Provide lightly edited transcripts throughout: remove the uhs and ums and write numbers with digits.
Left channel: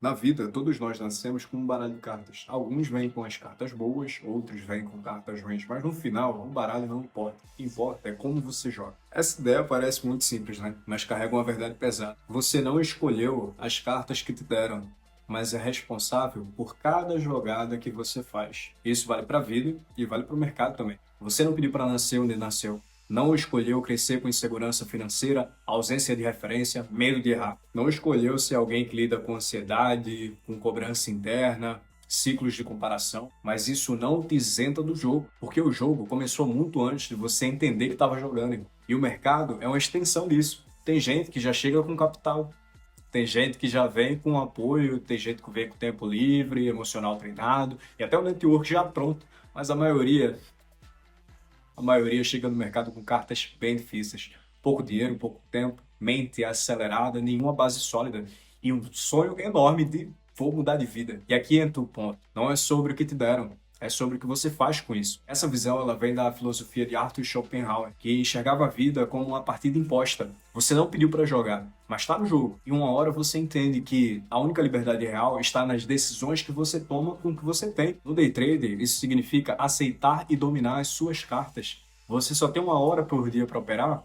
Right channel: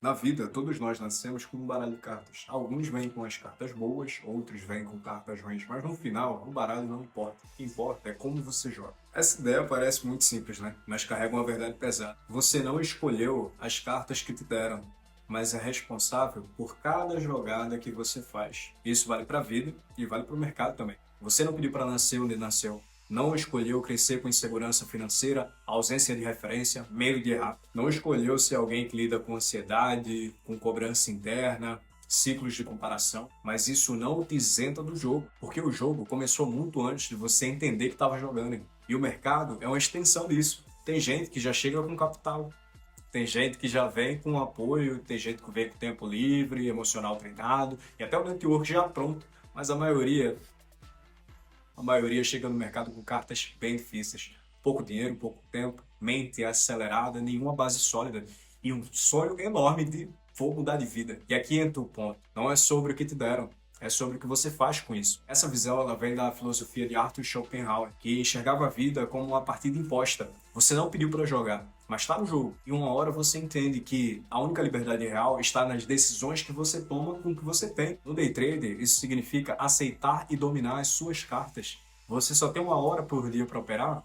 Na vida, todos nós nascemos com um baralho de cartas. Alguns vêm com as cartas boas, outros vêm com cartas ruins, mas no final, o baralho não importa. O que importa é como você joga. Essa ideia parece muito simples, né? Mas carrega uma verdade pesada. Você não escolheu as cartas que te deram, mas é responsável por cada jogada que você faz. Isso vale para a vida e vale para o mercado também. Você não pediu para nascer onde nasceu. Não escolheu crescer com insegurança financeira, ausência de referência, medo de errar. Não escolheu ser alguém que lida com ansiedade, com cobrança interna, ciclos de comparação. Mas isso não te isenta do jogo, porque o jogo começou muito antes de você entender que estava jogando, irmão. E o mercado é uma extensão disso. Tem gente que já chega com capital, tem gente que já vem com apoio, tem gente que vem com tempo livre, emocional treinado e até o network já pronto. Mas a maioria chega no mercado com cartas bem difíceis. Pouco dinheiro, pouco tempo, mente acelerada, nenhuma base sólida e um sonho enorme de vou mudar de vida. E aqui entra o ponto. Não é sobre o que te deram, é sobre o que você faz com isso. Essa visão ela vem da filosofia de Arthur Schopenhauer, que enxergava a vida como uma partida imposta. Você não pediu para jogar, mas está no jogo. E uma hora você entende que a única liberdade real está nas decisões que você toma com o que você tem. No day trader, isso significa aceitar e dominar as suas cartas. Você só tem uma hora por dia para operar,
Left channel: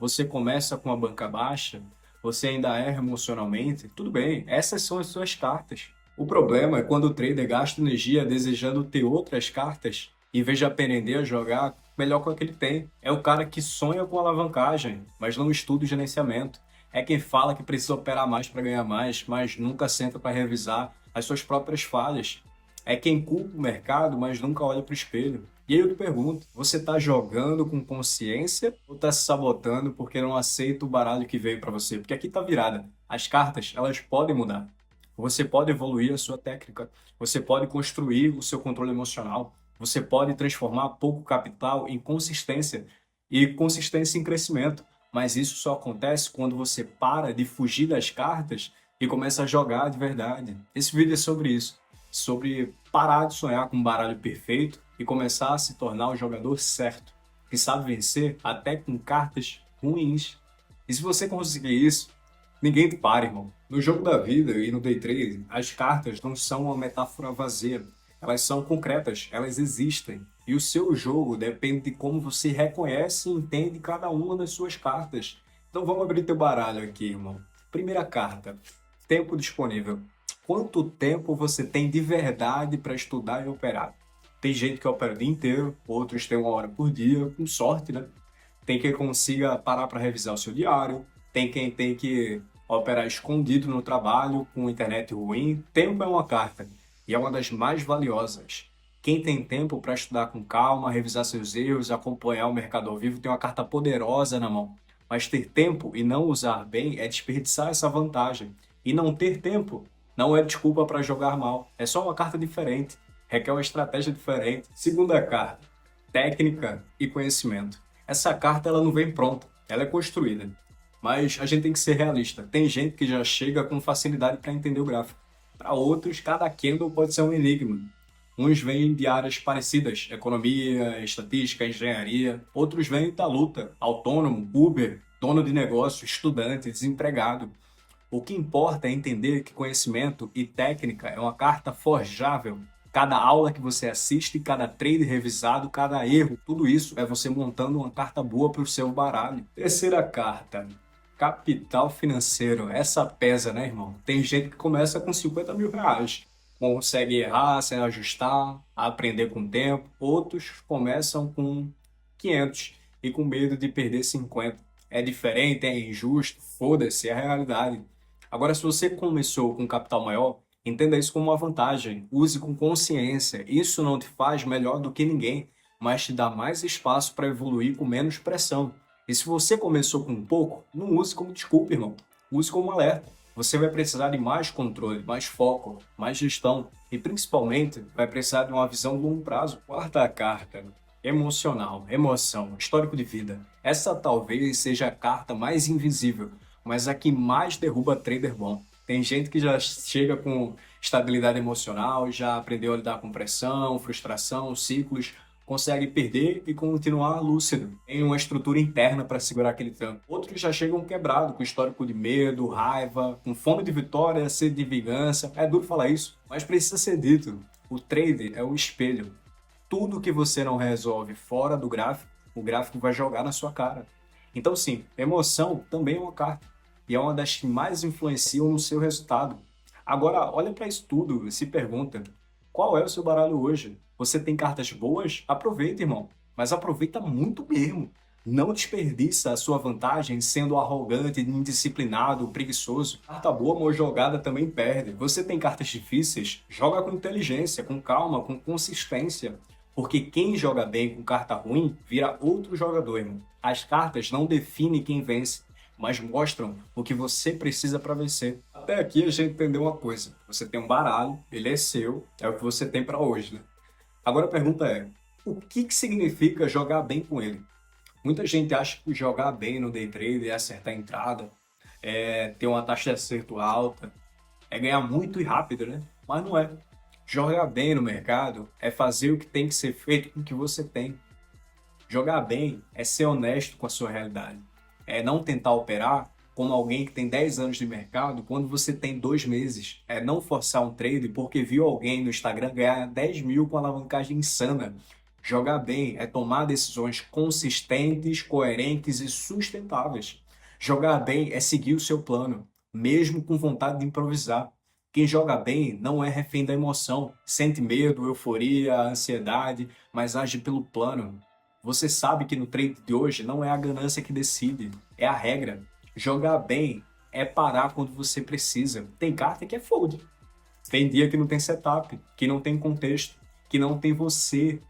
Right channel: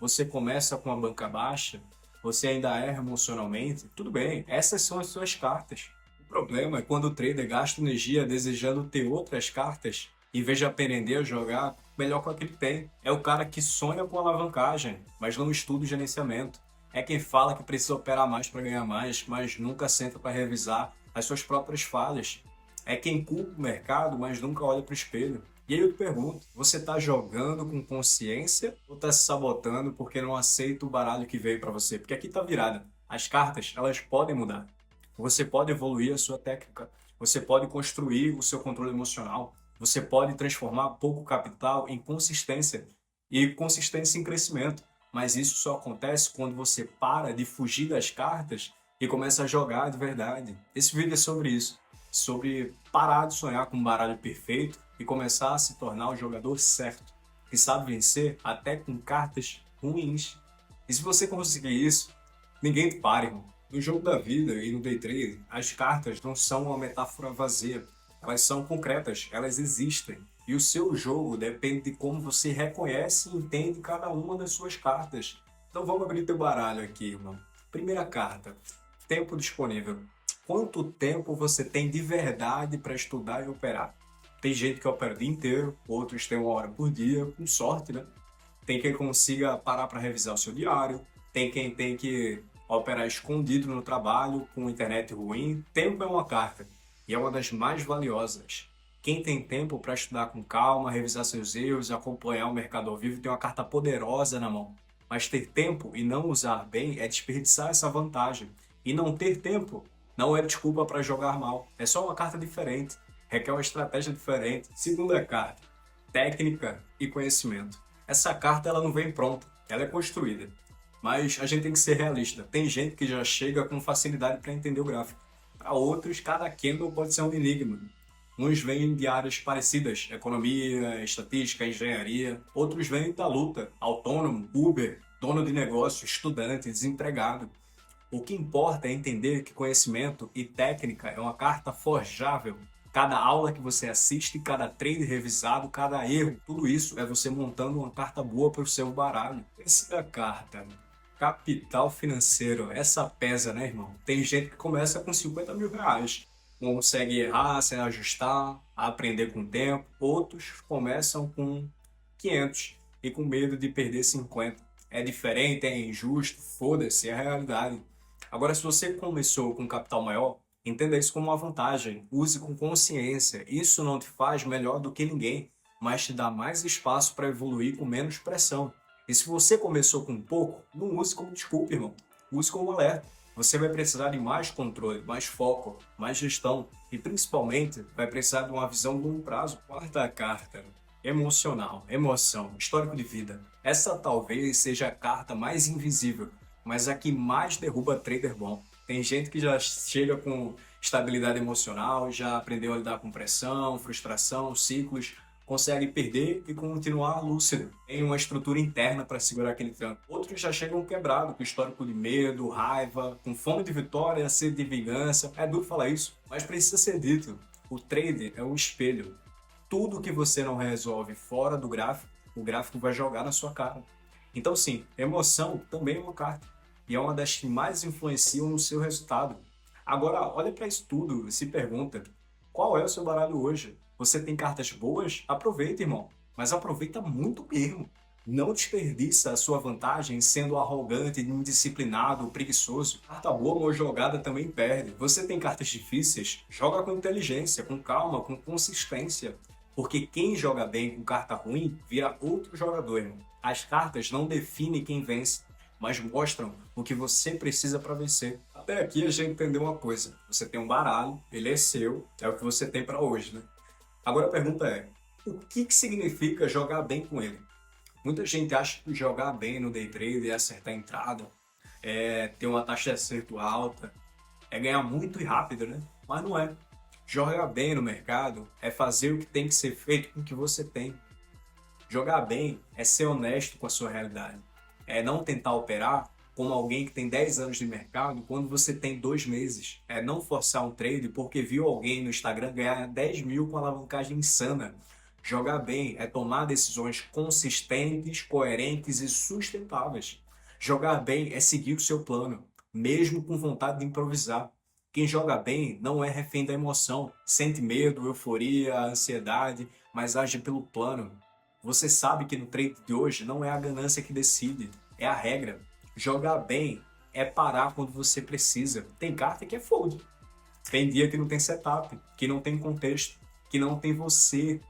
você começa com a banca baixa, você ainda erra emocionalmente, tudo bem, essas são as suas cartas. O problema é quando o trader gasta energia desejando ter outras cartas, em vez de aprender a jogar melhor com a que ele tem. É o cara que sonha com alavancagem, mas não estuda o gerenciamento. É quem fala que precisa operar mais para ganhar mais, mas nunca senta para revisar as suas próprias falhas. É quem culpa o mercado, mas nunca olha para o espelho. E aí eu te pergunto, você está jogando com consciência ou está se sabotando porque não aceita o baralho que veio para você? Porque aqui está virada. As cartas, elas podem mudar. Você pode evoluir a sua técnica, você pode construir o seu controle emocional, você pode transformar pouco capital em consistência e consistência em crescimento. Mas isso só acontece quando você para de fugir das cartas e começa a jogar de verdade. Esse vídeo é sobre isso, sobre parar de sonhar com um baralho perfeito e começar a se tornar o jogador certo, que sabe vencer até com cartas ruins. E se você conseguir isso, ninguém te para, irmão. No jogo da vida e no day trade, as cartas não são uma metáfora vazia. Elas são concretas, elas existem. E o seu jogo depende de como você reconhece e entende cada uma das suas cartas. Então vamos abrir teu baralho aqui, irmão. Primeira carta, tempo disponível. Quanto tempo você tem de verdade para estudar e operar? Tem gente que opera o dia inteiro, outros têm uma hora por dia, com sorte, né? Tem quem consiga parar para revisar o seu diário, tem quem tem que operar escondido no trabalho, com internet ruim. Tempo é uma carta e é uma das mais valiosas. Quem tem tempo para estudar com calma, revisar seus erros, acompanhar o mercado ao vivo, tem uma carta poderosa na mão. Mas ter tempo e não usar bem é desperdiçar essa vantagem. E não ter tempo não é desculpa para jogar mal. É só uma carta diferente. Requer uma estratégia diferente. Segunda carta, técnica e conhecimento. Essa carta ela não vem pronta, ela é construída. Mas a gente tem que ser realista. Tem gente que já chega com facilidade para entender o gráfico. Para outros, cada candle pode ser um enigma. Uns vêm de áreas parecidas, economia, estatística, engenharia. Outros vêm da luta, autônomo, Uber, dono de negócio, estudante, desempregado. O que importa é entender que conhecimento e técnica é uma carta forjável. Cada aula que você assiste, cada trade revisado, cada erro, tudo isso é você montando uma carta boa para o seu baralho. Terceira carta, capital financeiro. Essa pesa, né, irmão? Tem gente que começa com 50 mil reais. Consegue errar, se ajustar, aprender com o tempo. Outros começam com 500 e com medo de perder 50. É diferente, é injusto, foda-se, é a realidade. Agora, se você começou com um capital maior, entenda isso como uma vantagem. Use com consciência. Isso não te faz melhor do que ninguém, mas te dá mais espaço para evoluir com menos pressão. E se você começou com pouco, não use como desculpa, irmão. Use como um alerta. Você vai precisar de mais controle, mais foco, mais gestão e principalmente vai precisar de uma visão de longo prazo. Quarta carta, emocional, emoção, histórico de vida. Essa talvez seja a carta mais invisível, mas a que mais derruba trader bom. Tem gente que já chega com estabilidade emocional, já aprendeu a lidar com pressão, frustração, ciclos, consegue perder e continuar lúcido. Tem uma estrutura interna para segurar aquele tranco. Outros já chegam quebrado, com histórico de medo, raiva, com fome de vitória, sede de vingança. É duro falar isso, mas precisa ser dito. O trade é o espelho. Tudo que você não resolve fora do gráfico, o gráfico vai jogar na sua cara. Então, sim, emoção também é uma carta. E é uma das que mais influenciam no seu resultado. Agora, olha para isso tudo e se pergunta: qual é o seu baralho hoje? Você tem cartas boas? Aproveita, irmão. Mas aproveita muito mesmo. Não desperdiça a sua vantagem sendo arrogante, indisciplinado, preguiçoso. Carta boa, mal jogada também perde. Você tem cartas difíceis? Joga com inteligência, com calma, com consistência. Porque quem joga bem com carta ruim vira outro jogador, irmão. As cartas não definem quem vence, mas mostram o que você precisa para vencer. Até aqui a gente entendeu uma coisa. Você tem um baralho, ele é seu, é o que você tem para hoje, né? Agora a pergunta é: o que significa jogar bem com ele? Muita gente acha que jogar bem no day trade é acertar a entrada, é ter uma taxa de acerto alta, é ganhar muito e rápido, né? Mas não é. Jogar bem no mercado é fazer o que tem que ser feito com o que você tem. Jogar bem é ser honesto com a sua realidade. É não tentar operar como alguém que tem 10 anos de mercado quando você tem 2 meses. É não forçar um trade porque viu alguém no Instagram ganhar 10 mil com alavancagem insana. Jogar bem é tomar decisões consistentes, coerentes e sustentáveis. Jogar bem é seguir o seu plano, mesmo com vontade de improvisar. Quem joga bem não é refém da emoção, sente medo, euforia, ansiedade, mas age pelo plano. Você sabe que no trade de hoje não é a ganância que decide, é a regra. Jogar bem é parar quando você precisa. Tem carta que é fold. Tem dia que não tem setup, que não tem contexto, que não tem você.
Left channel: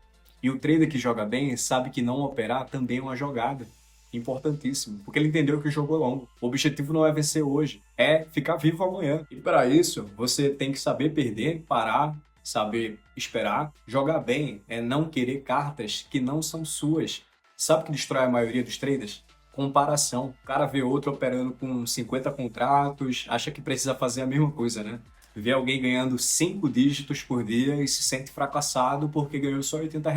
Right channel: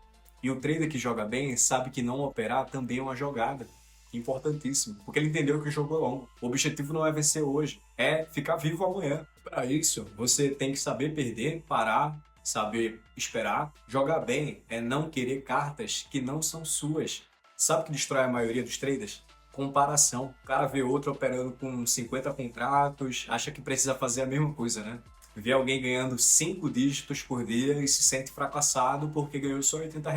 E o trader que joga bem sabe que não operar também é uma jogada. Importantíssimo, porque ele entendeu que o jogo é longo. O objetivo não é vencer hoje, é ficar vivo amanhã. E para isso, você tem que saber perder, parar, saber esperar. Jogar bem é não querer cartas que não são suas. Sabe o que destrói a maioria dos traders? Comparação. O cara vê outro operando com 50 contratos, acha que precisa fazer a mesma coisa, né? Vê alguém ganhando 5 dígitos por dia e se sente fracassado porque ganhou só R$ 80.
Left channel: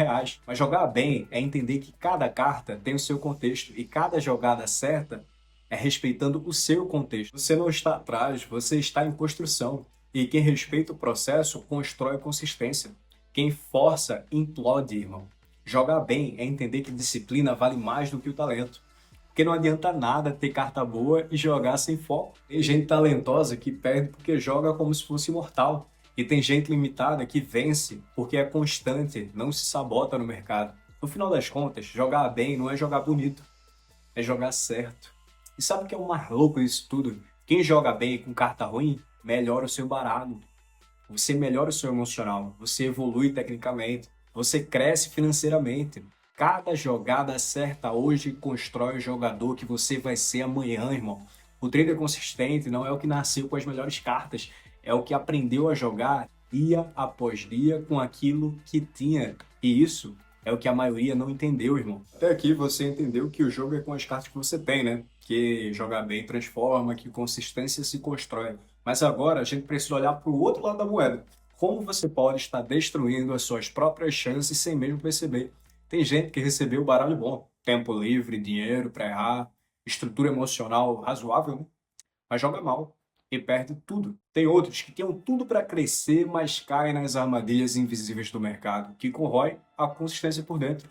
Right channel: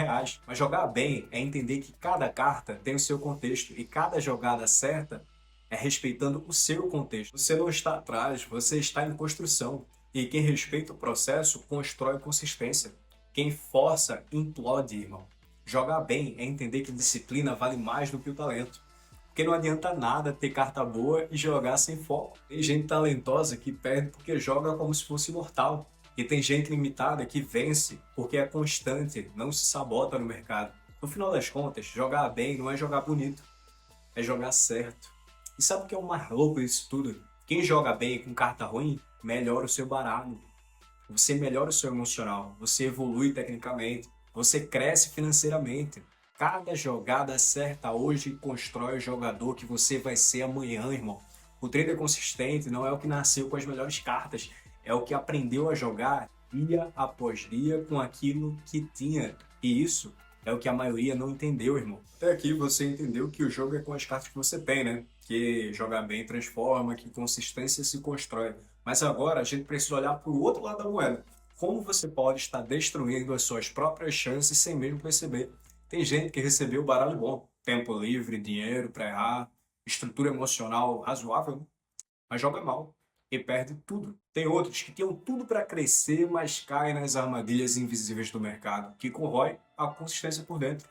Mas jogar bem é entender que cada carta tem o seu contexto e cada jogada certa é respeitando o seu contexto. Você não está atrás, você está em construção. E quem respeita o processo constrói consistência. Quem força implode, irmão. Jogar bem é entender que disciplina vale mais do que o talento. Porque não adianta nada ter carta boa e jogar sem foco. Tem gente talentosa que perde porque joga como se fosse imortal. E tem gente limitada que vence porque é constante, não se sabota no mercado. No final das contas, jogar bem não é jogar bonito, é jogar certo. E sabe o que é o mais louco disso tudo? Quem joga bem com carta ruim, melhora o seu baralho. Você melhora o seu emocional, você evolui tecnicamente, você cresce financeiramente. Cada jogada certa hoje constrói o jogador que você vai ser amanhã, irmão. O trader consistente não é o que nasceu com as melhores cartas, é o que aprendeu a jogar dia após dia com aquilo que tinha. E isso é o que a maioria não entendeu, irmão. Até aqui você entendeu que o jogo é com as cartas que você tem, né? Que jogar bem transforma, que consistência se constrói. Mas agora a gente precisa olhar para o outro lado da moeda. Como você pode estar destruindo as suas próprias chances sem mesmo perceber? Tem gente que recebeu baralho bom, tempo livre, dinheiro para errar, estrutura emocional razoável, né? Mas joga mal e perde tudo. Tem outros que tinham tudo para crescer, mas caem nas armadilhas invisíveis do mercado, que corrói a consistência por dentro.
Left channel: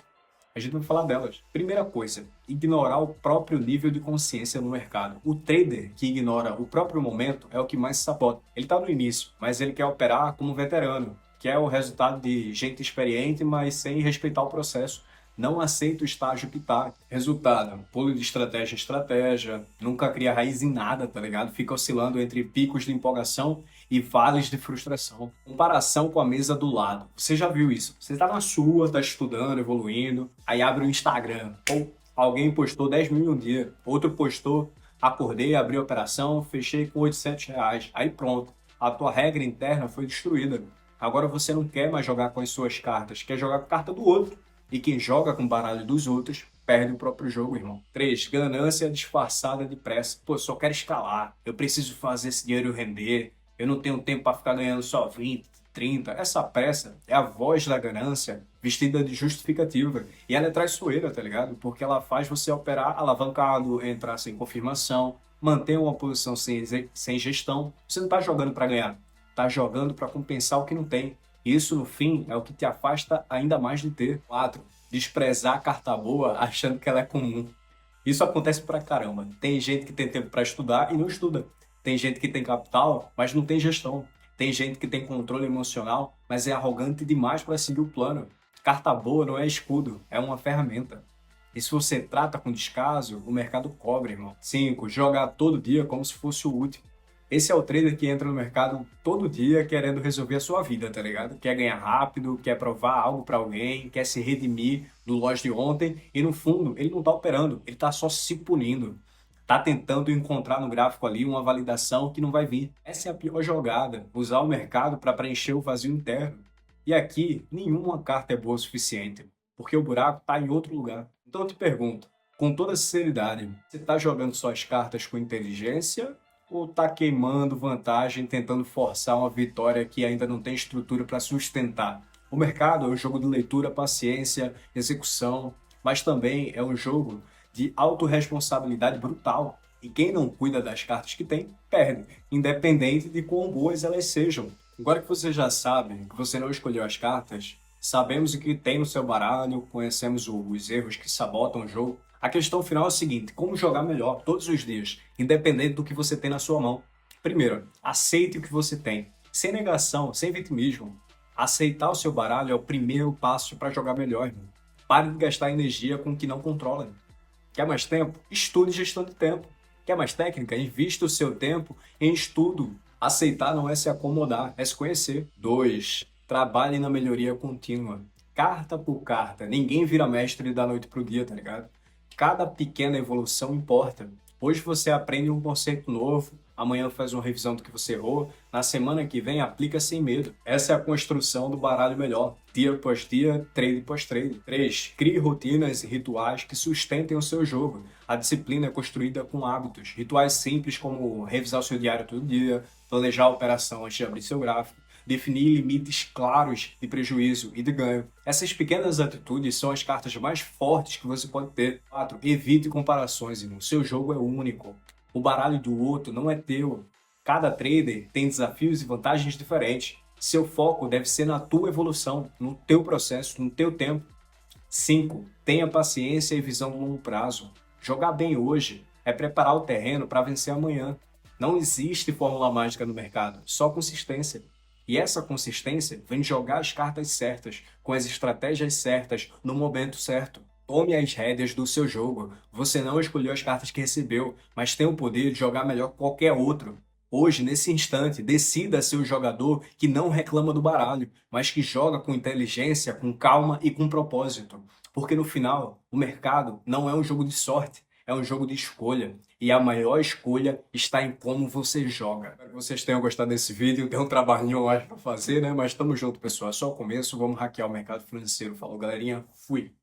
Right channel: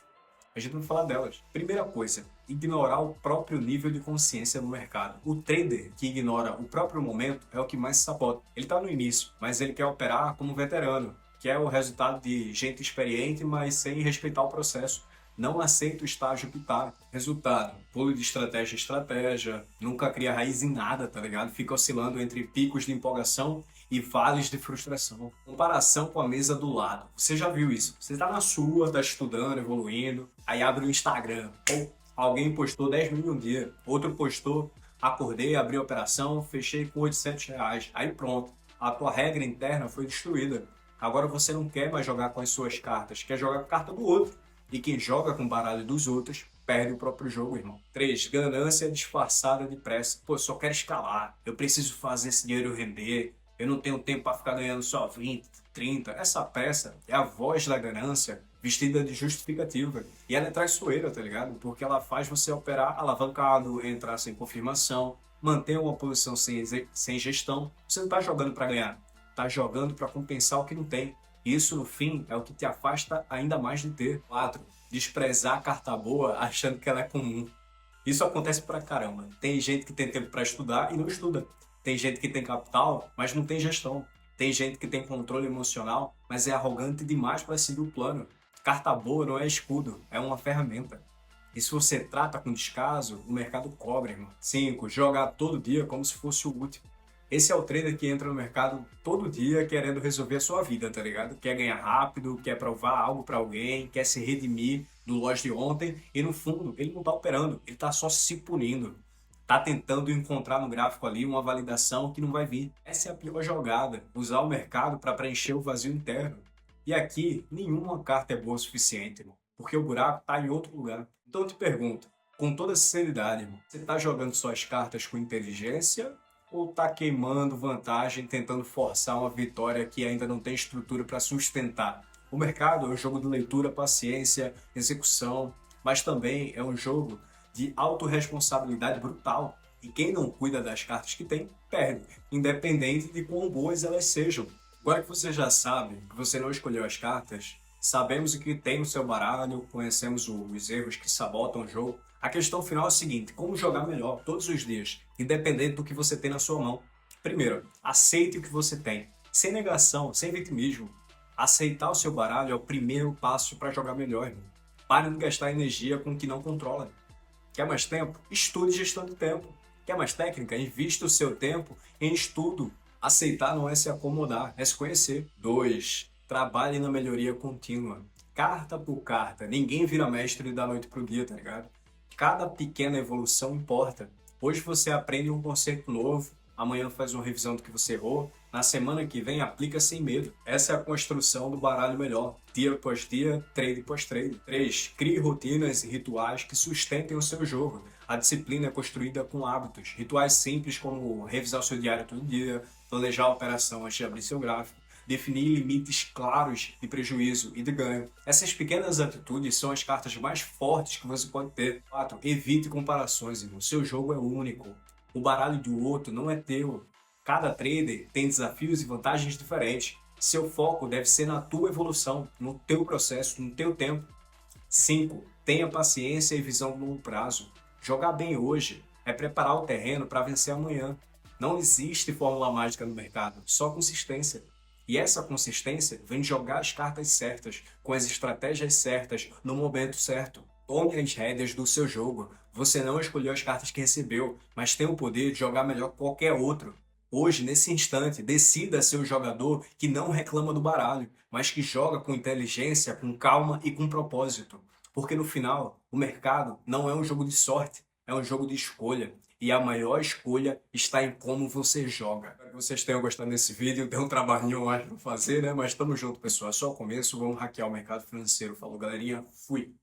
A gente vai falar delas. Primeira coisa, ignorar o próprio nível de consciência no mercado. O trader que ignora o próprio momento é o que mais se sabota. Ele está no início, mas ele quer operar como veterano, que é o resultado de gente experiente, mas sem respeitar o processo. Não aceita o estágio que tá. Resultado, pulo de estratégia em estratégia, nunca cria raiz em nada, tá ligado? Fica oscilando entre picos de empolgação e vales de frustração. Comparação com a mesa do lado. Você já viu isso? Você tá na sua, tá estudando, evoluindo, aí abre o Instagram. Ou alguém postou 10 mil em um dia, outro postou, acordei, abri a operação, fechei com R$ 800. Aí pronto, a tua regra interna foi destruída. Agora você não quer mais jogar com as suas cartas, quer jogar com a carta do outro. E quem joga com o baralho dos outros perde o próprio jogo, irmão. 3. Ganância disfarçada de pressa. Pô, eu só quero escalar. Eu preciso fazer esse dinheiro render. Eu não tenho tempo para ficar ganhando só 20, 30. Essa pressa é a voz da ganância vestida de justificativa. E ela é traiçoeira, tá ligado? Porque ela faz você operar alavancado, entrar sem confirmação, manter uma posição sem gestão. Você não tá jogando para ganhar, tá jogando para compensar o que não tem. Isso, no fim, é o que te afasta ainda mais de ter. 4. Desprezar a carta boa achando que ela é comum. Isso acontece pra caramba. Tem gente que tem tempo para estudar e não estuda. Tem gente que tem capital, mas não tem gestão. Tem gente que tem controle emocional, mas é arrogante demais para seguir o plano. Carta boa não é escudo, é uma ferramenta. E se você trata com descaso, o mercado cobra, irmão. 5. Jogar todo dia como se fosse o último. Esse é o trader que entra no mercado todo dia querendo resolver a sua vida, tá ligado? Quer ganhar rápido, quer provar algo para alguém, quer se redimir do loss de ontem e no fundo ele não tá operando, ele tá só se punindo. Tá tentando encontrar no gráfico ali uma validação que não vai vir. Essa é a pior jogada, usar o mercado para preencher o vazio interno. E aqui, nenhuma carta é boa o suficiente, irmão, porque o buraco tá em outro lugar. Então eu te pergunto, com toda sinceridade, irmão, você tá jogando suas cartas com inteligência ou tá queimando vantagem, tentando forçar uma vitória que ainda não tem estrutura para sustentar? O mercado é um jogo de leitura, paciência, execução, mas também é um jogo de autorresponsabilidade brutal. E quem não cuida das cartas que tem, perde, independente de quão boas elas sejam. Agora que você já sabe que você não escolheu as cartas, sabemos o que tem no seu baralho, conhecemos os erros que sabotam o jogo. A questão final é a seguinte: como jogar melhor todos os dias, independente do que você tem na sua mão. Primeiro, aceite o que você tem, sem negação, sem vitimismo. Aceitar o seu baralho é o primeiro passo para jogar melhor, irmão. Pare de gastar energia com o que não controla. Quer mais tempo? Estude gestão de tempo. Quer mais técnica? Invista o seu tempo em estudo. Aceitar não é se acomodar, é se conhecer. 2. Trabalhe na melhoria contínua. Carta por carta. Ninguém vira mestre da noite pro dia, tá ligado? Cada pequena evolução importa. Hoje você aprende um conceito novo, amanhã faz uma revisão do que você errou, na semana que vem aplica sem medo. Essa é a construção do baralho melhor, dia após dia, trade após trade. 3. Crie rotinas e rituais que sustentem o seu jogo. A disciplina é construída com hábitos, rituais simples como revisar o seu diário todo dia, planejar a operação antes de abrir seu gráfico, definir limites claros de prejuízo e de ganho. Essas pequenas atitudes são as cartas mais fortes que você pode ter. 4. Evite comparações, irmão. Seu jogo é único. O baralho do outro não é teu. Cada trader tem desafios e vantagens diferentes. Seu foco deve ser na tua evolução, no teu processo, no teu tempo. 5. Tenha paciência e visão de longo prazo. Jogar bem hoje é preparar o terreno para vencer amanhã. Não existe fórmula mágica no mercado, só consistência. E essa consistência vem de jogar as cartas certas, com as estratégias certas, no momento certo. Tome as rédeas do seu jogo. Você não escolheu as cartas que recebeu, mas tem o poder de jogar melhor que qualquer outro. Hoje, nesse instante, decida ser o jogador que não reclama do baralho, mas que joga com inteligência, com calma e com propósito. Porque no final, o mercado não é um jogo de sorte, é um jogo de escolha. E a maior escolha está em como você joga. Espero que vocês tenham gostado desse vídeo. Tem um trabalhinho mais para fazer, né? Mas tamo junto, pessoal. É só o começo. Vamos hackear o mercado financeiro. Falou, galerinha. Fui.